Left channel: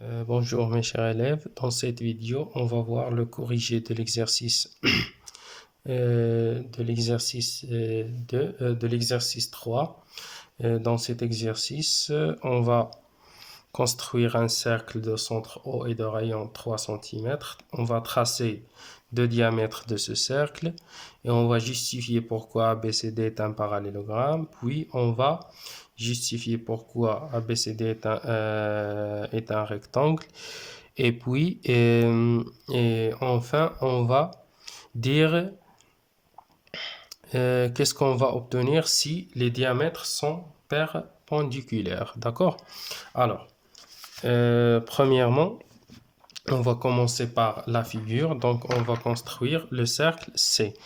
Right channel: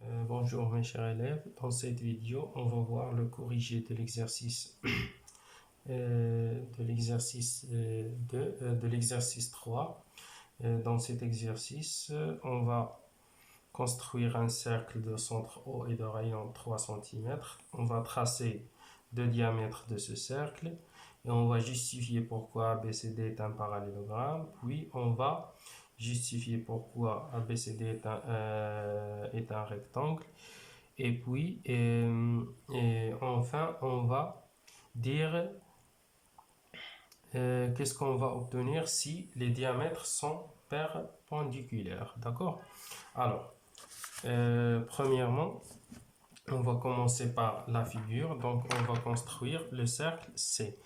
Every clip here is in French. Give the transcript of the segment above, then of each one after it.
Bonjour mes chers élèves, dans cette vidéo on va voir le corrigé de l'exercice de l'exercice 3. Dans cet exercice on va construire un cercle de centre O et de rayon 3 cm. On va tracer le diamètre de ce cercle et on va justifier pourquoi ABCD est un parallélogramme, puis on va justifier pourquoi ABCD est un rectangle. Et puis, et enfin, on va dire qu'est-ce qu'on va obtenir si les diamètres sont perpendiculaires. D'accord? Alors, premièrement, on va commencer par la figure. Donc, on va construire le cercle C.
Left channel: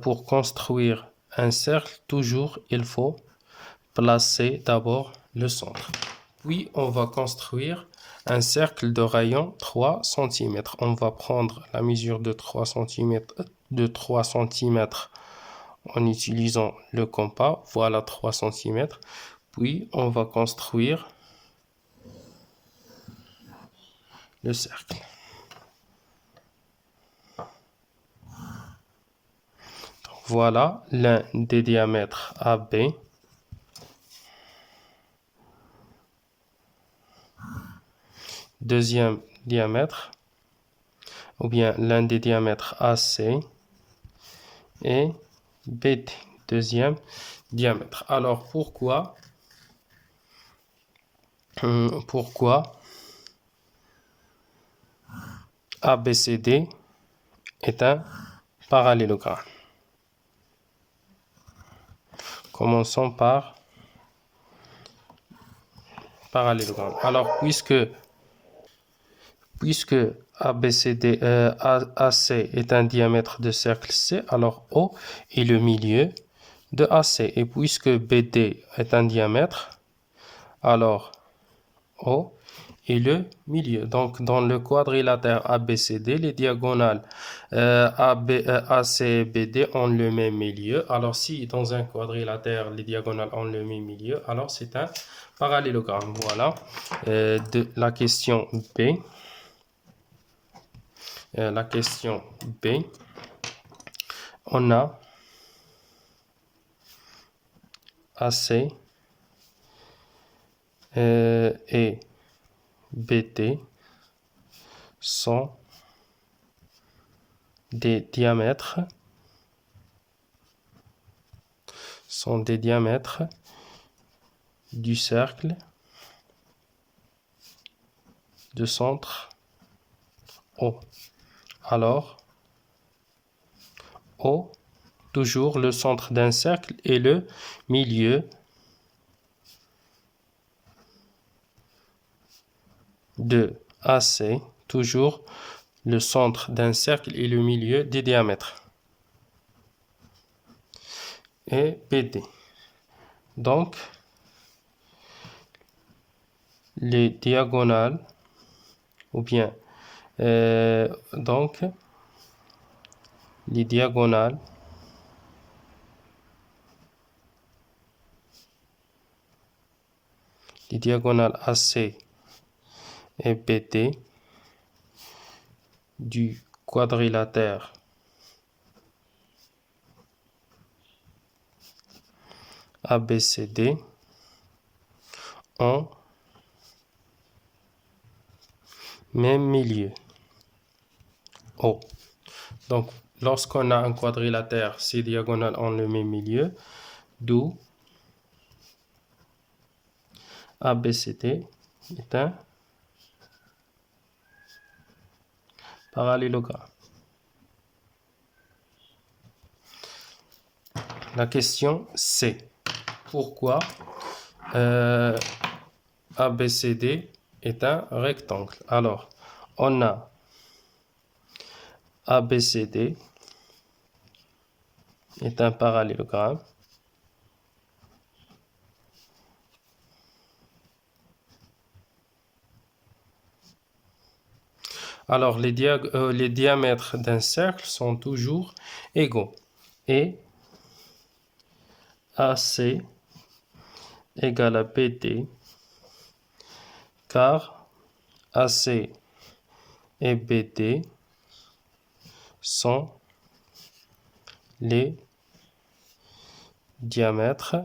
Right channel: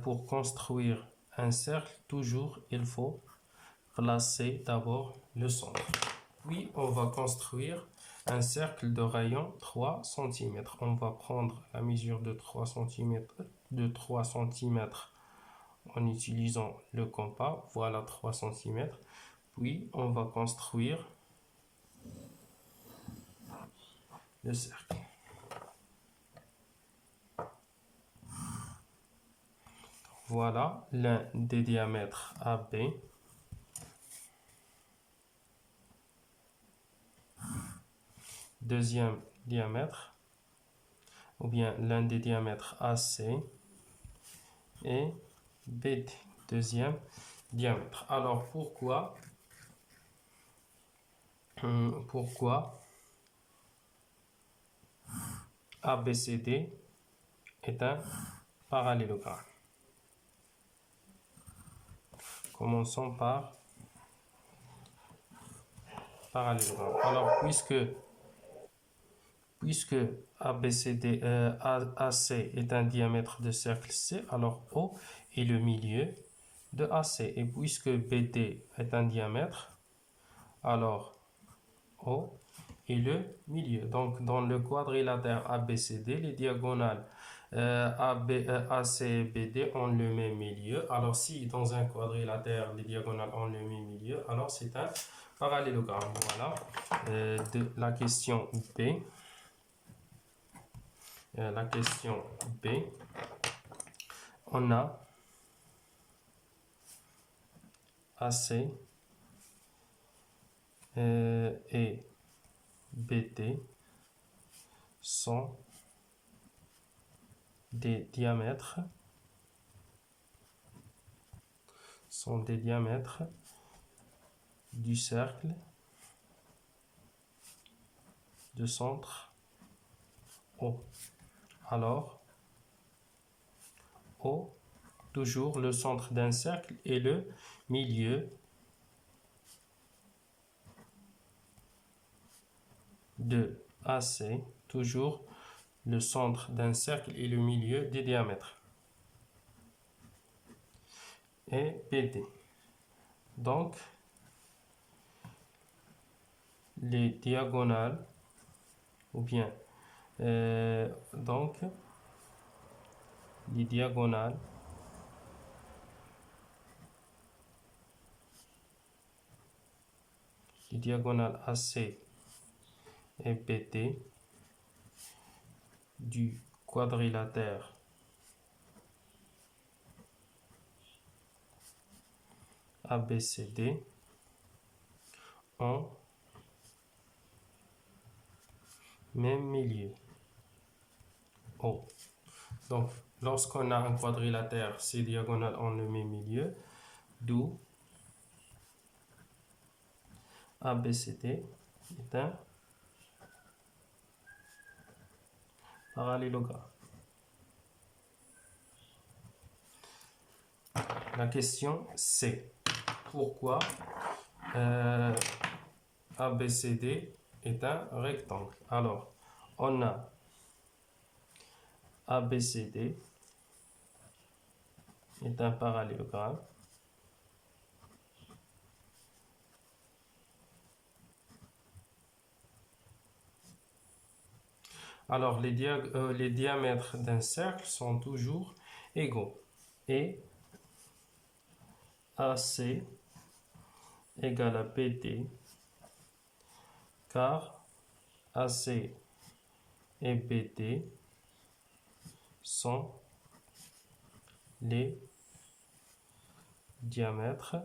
Pour construire un cercle, toujours, il faut placer d'abord le centre. Puis, on va construire un cercle de rayon 3 cm. On va prendre la mesure de 3 cm, en utilisant le compas. Voilà 3 cm. Puis, on va construire le cercle. Voilà l'un des diamètres AB. Deuxième diamètre, ou bien l'un des diamètres AC et BD, deuxième diamètre. Alors pourquoi ABCD est un parallélogramme? Commençons par parallélogramme. Alors puisque AC est un diamètre de cercle C, alors O est le milieu de AC. Et puisque BD est un diamètre, alors O est le milieu. Donc, dans le quadrilatère ABCD, les diagonales AC et BD ont le même milieu. Alors, si dans un quadrilatère, les diagonales ont le même milieu, alors c'est un parallélogramme. Voilà. De la question B. La question B. On a AC et BD sont des diamètres du cercle de centre O. Alors, O, toujours le centre d'un cercle et le milieu de AC, toujours le centre d'un cercle et le milieu des diamètres. Et BD. Donc, les diagonales, ou bien, donc, les diagonales AC et BD du quadrilatère ABCD ont même milieu O. Donc, lorsqu'on a un quadrilatère, ces diagonales ont le même milieu, d'où ABCD est un parallélogramme. La question C. Pourquoi ABCD est un rectangle? Alors, on a ABCD est un parallélogramme. Alors, les diamètres d'un cercle sont toujours égaux. Et AC égale à BD, car AC et BD sont les diamètres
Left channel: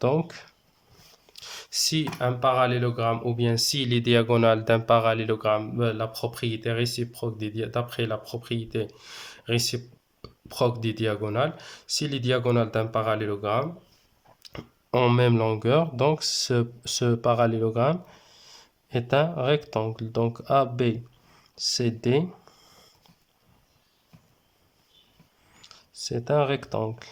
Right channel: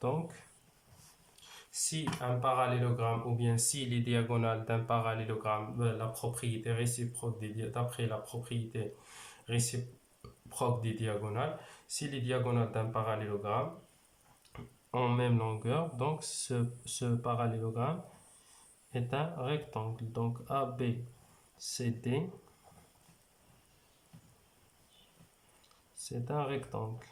Donc, si un parallélogramme ou bien si les diagonales d'un parallélogramme, la propriété réciproque d'après la propriété réciproque des diagonales, si les diagonales d'un parallélogramme ont même longueur, donc ce parallélogramme est un rectangle. Donc ABCD, c'est un rectangle.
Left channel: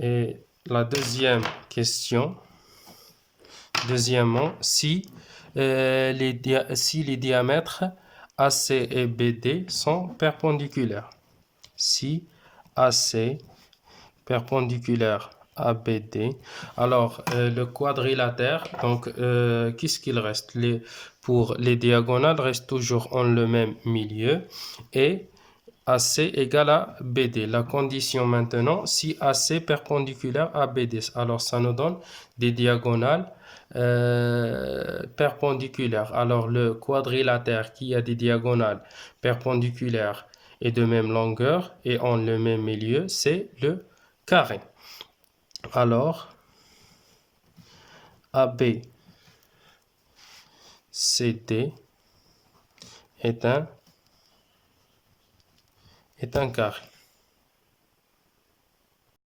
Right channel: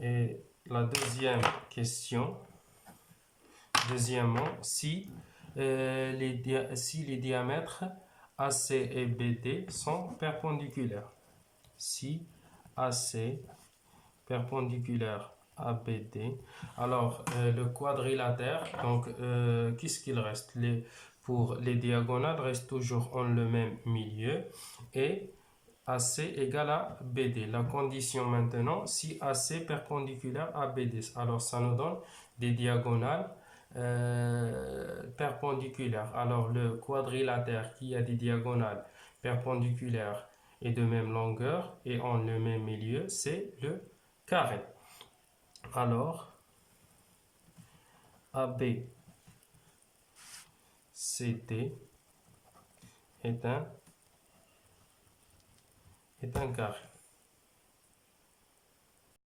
Et la deuxième question, deuxièmement, si les diamètres AC et BD sont perpendiculaires. Si AC perpendiculaire à BD, alors le quadrilatère, donc qu'est-ce qu'il reste? Pour les diagonales, reste toujours en le même milieu et AC égale à BD. La condition maintenant, si AC perpendiculaire à BD, alors ça nous donne des diagonales perpendiculaires. Alors le quadrilatère qui a des diagonales perpendiculaires et de même longueur et en le même milieu, c'est le carré. Alors, ABCD est un carré.